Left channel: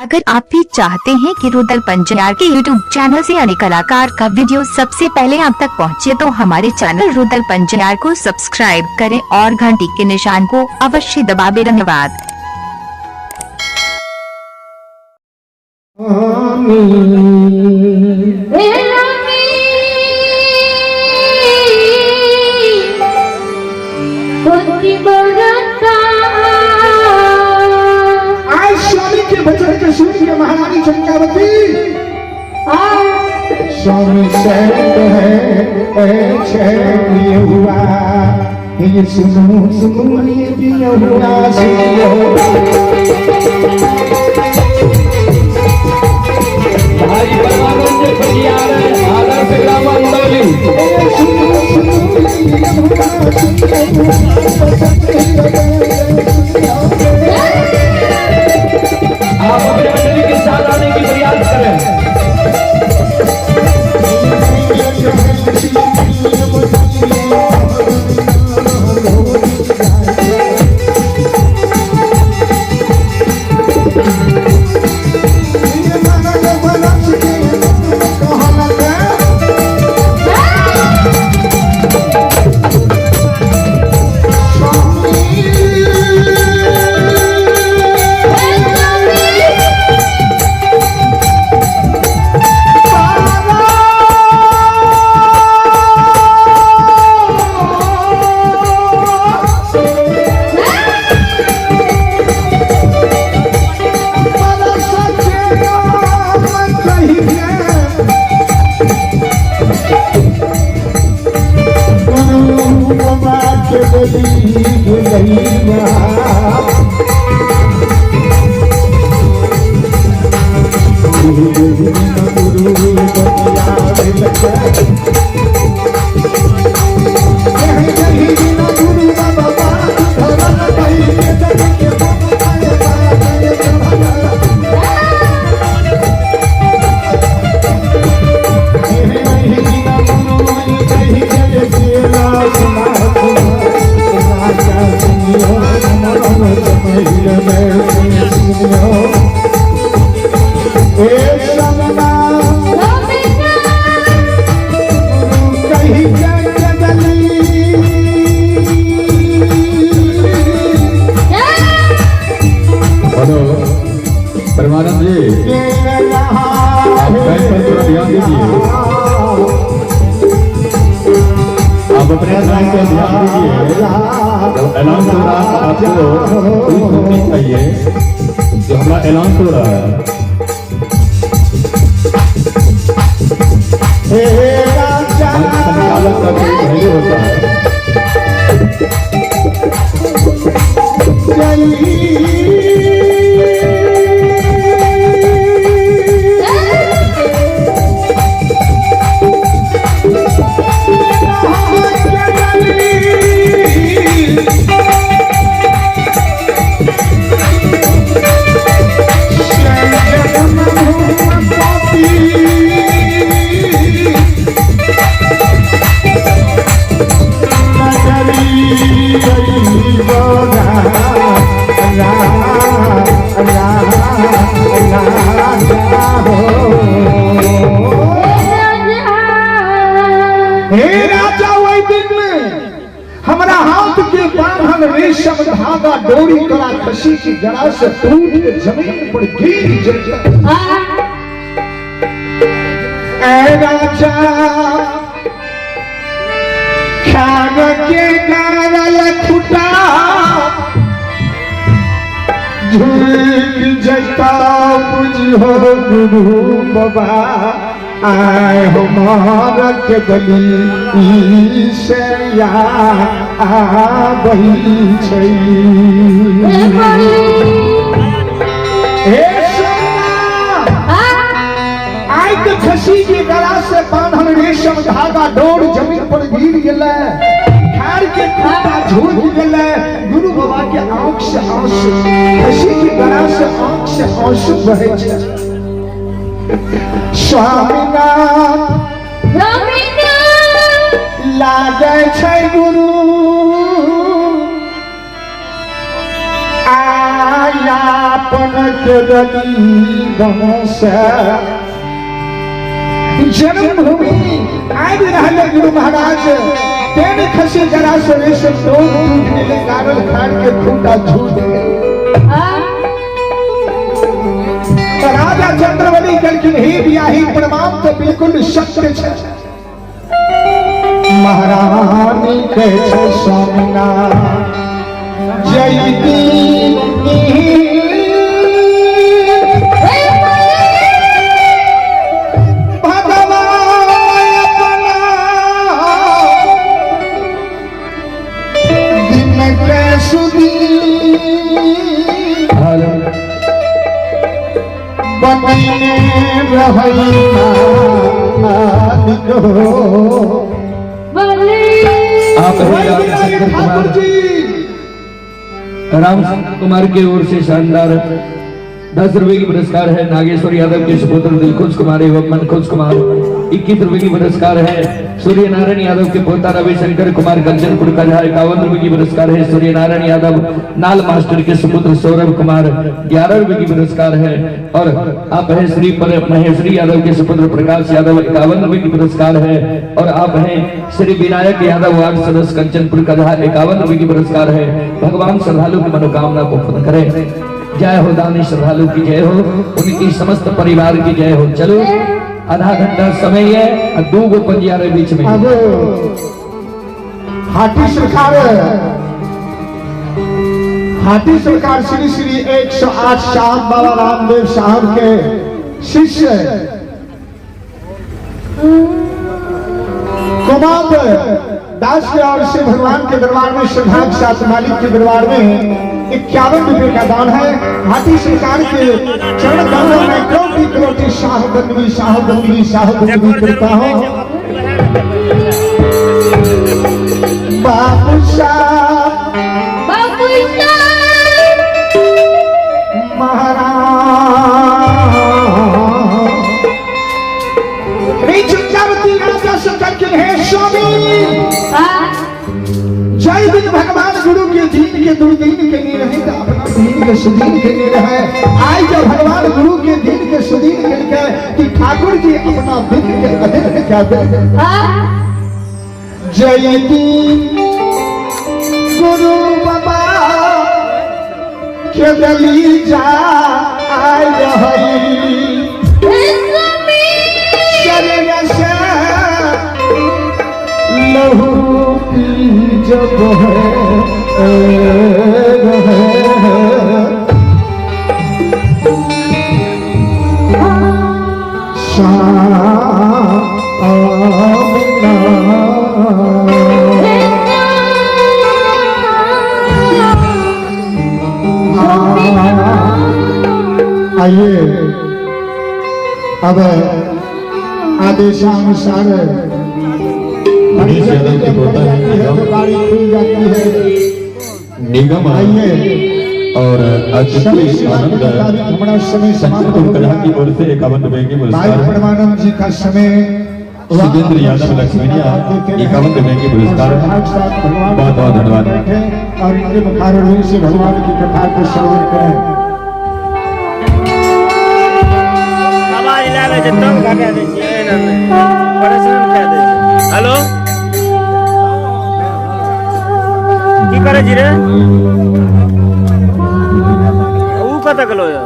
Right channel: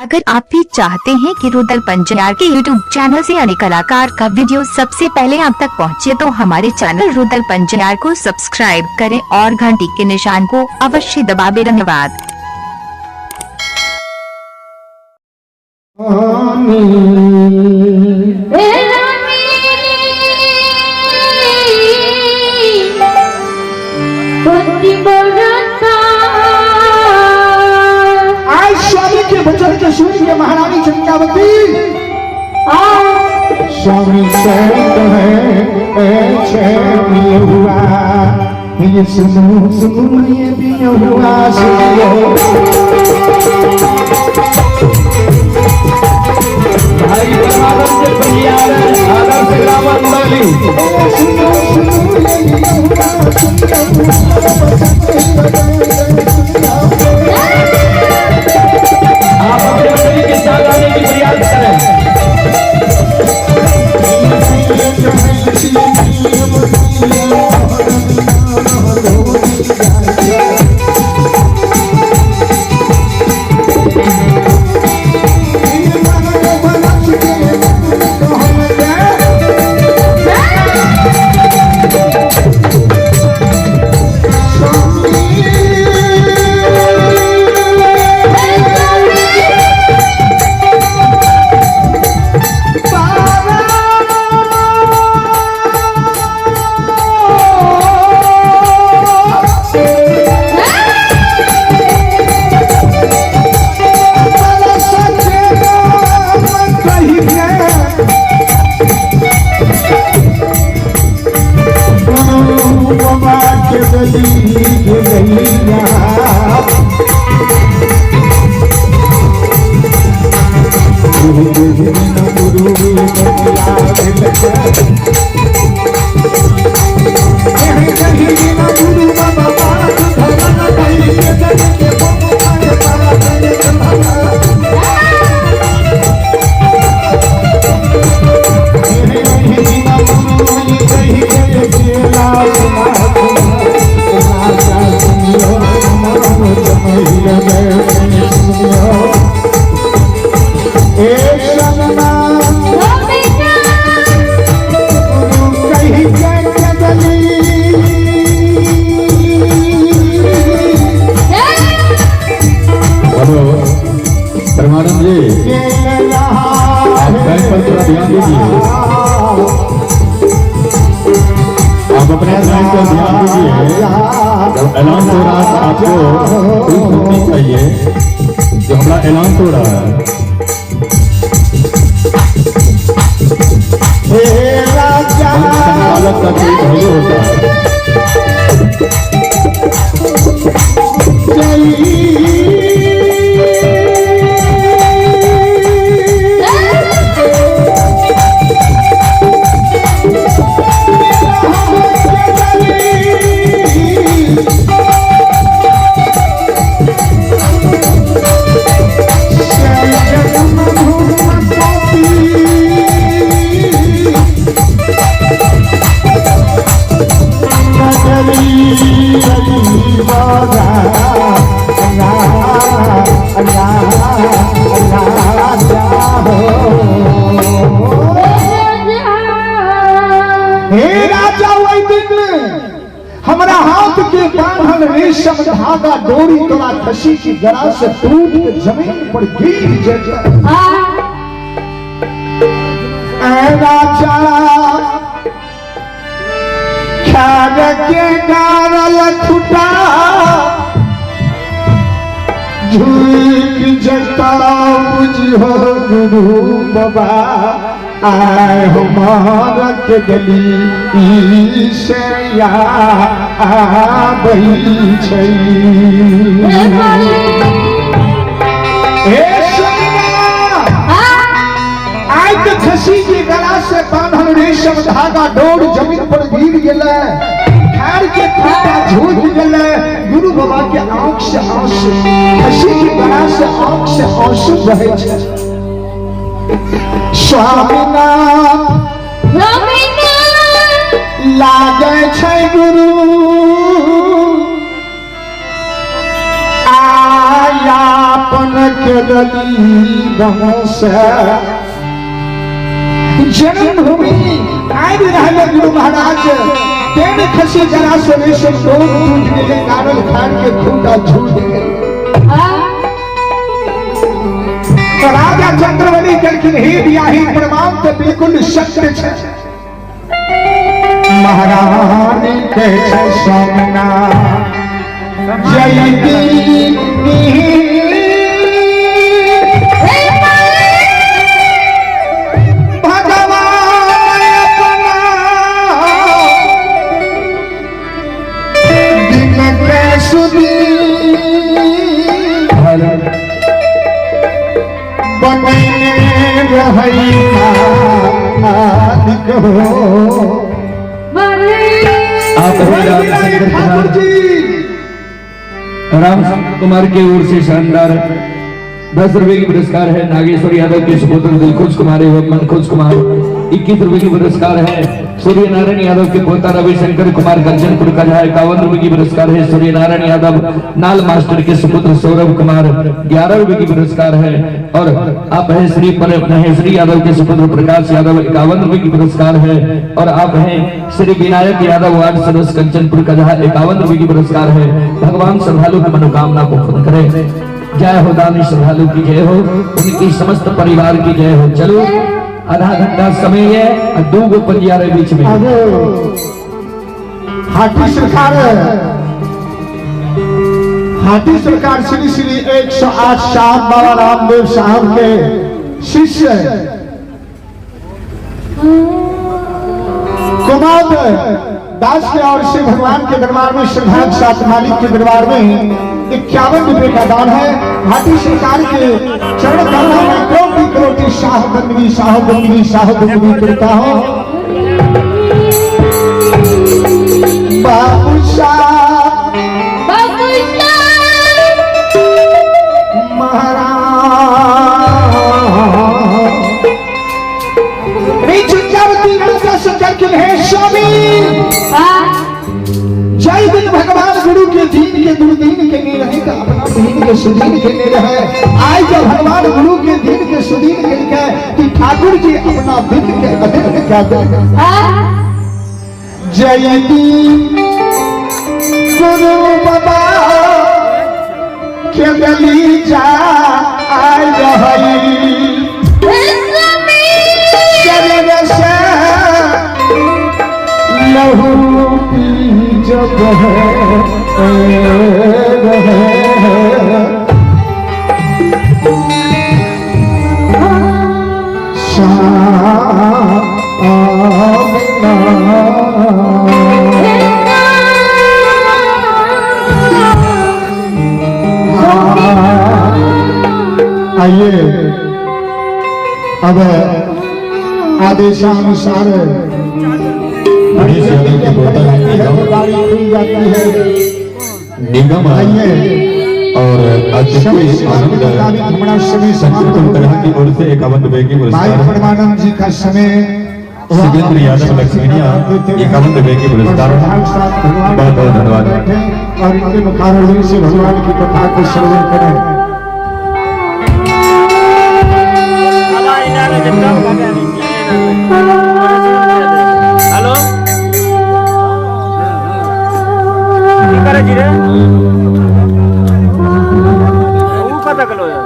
अगर आप भी चाहते हैं कि रुदल पंजयार के YouTube चैनल से अनेक कलाकार का वीडियो सबसे पहले आप तक पहुंचे, तो हमारे चैनल रुदल पंजयार को सब्सक्राइब करें और घंटी के निशान को अवश्य दबाएं। धन्यवाद। महारानी चंद्रावती स्वामी हुआ ये सुनो सुनो ये भी हुआ भाई आदर से ऐलान हो रहा है। संचालक का कोई भय होता है। धागा डोरी कला खसी की गड़ा से टूट के जमीन पर गिर जाए। ऐ राजा ख्याल के गारल खुटा झूठ जता बुझो गुरु बाबा आए हो मारक गली से या गई आई तो खसी की गला से बांधल रेशम धागा डोर जमीन पर गिर गया, खैर के टूटा झूठ गया। गुरु बाबा के आंख से आंसू, खसी की गला से आंख से आंसू बहे। स्वामीनाथ लागे छै गुरु आया अपन के दली बहस जन्मभूमि आदि रहले गुरु महाराज तेन खसी जरा सोने से लोग टूट गए कारण खान के खूंटा झूठ गए तो राजा चंद्रवली कहलखिन हे बियाही प्रमाण तो बिल्कुल सत्य है महारानी कहे छे सामना जय दीनी राम कुमार की ओर से शानदार 10 रुपए की पुरस्कार है नागेश्वर यादव के सुपुत्र दिलखुश कुमार एवं मनखुश कुमार। 21 रुपए की पुरस्कार है सूर्य नारायण यादव के पोता रविशंकर कुमार गर्जनपुर का। 51 रुपए की पुरस्कार है सूर्य नारायण यादव नाल मास्टर के सुपुत्र सौरभ कुमार। 11 रुपए की पुरस्कार है और आप है श्री पर महेश्वरी यादव के सुपुत्र प्रकाश यादव। 51 रुपए की पुरस्कार है और आप हैं श्री विनायक यादव वार्ड सदस्य कंचनपुर का। 51 रुपए की पुरस्कार है। भगवान श्रद्धालु की मनोकामना को पूर्ण करे। जय हो दानी श्रद्धालु की जय हो, उनकी समस्त परिवार की जय हो। चलो आधा घंटा समय है और 2 पंजियारे बीच में। हाटी सरकार श्री श्री 108 साहब बाबा रामदेव साहब के शिष्य कुमार दास के और से भगवान के दरबार में श्रद्धा के साथ मालिक के दरबार में 51 रुपए का दान है। हाटी सरकार के चरण कमलों में कोटि कोटि साहबंदी करता हूँ। जय दिन भगवान गुरु के दीन के दुर्दीन के नहीं रहेगा, दीन के सुदीन के नहीं रहे। आज जब भगवान गुरु के दीन के सुदीन के लिखा है कि ठाकुर जी अपना दिन के अधीन में क्या देंगे। जय दीन गुरु बाबा के गली जा लहू की जब आइए अब आदेशानुसार निगम और की ओर से 51 रुपए की पुरस्कार। परमानंद जी का समय सुगेंद्र यादव लक्ष्मीनिया 51 रुपए की पुरस्कार। बहुत बहुत धन्यवाद। और इनके मुखारविंद से भगवान की कथा को श्रवण करें। हेलो की करे जी रे ऊ कत कलो या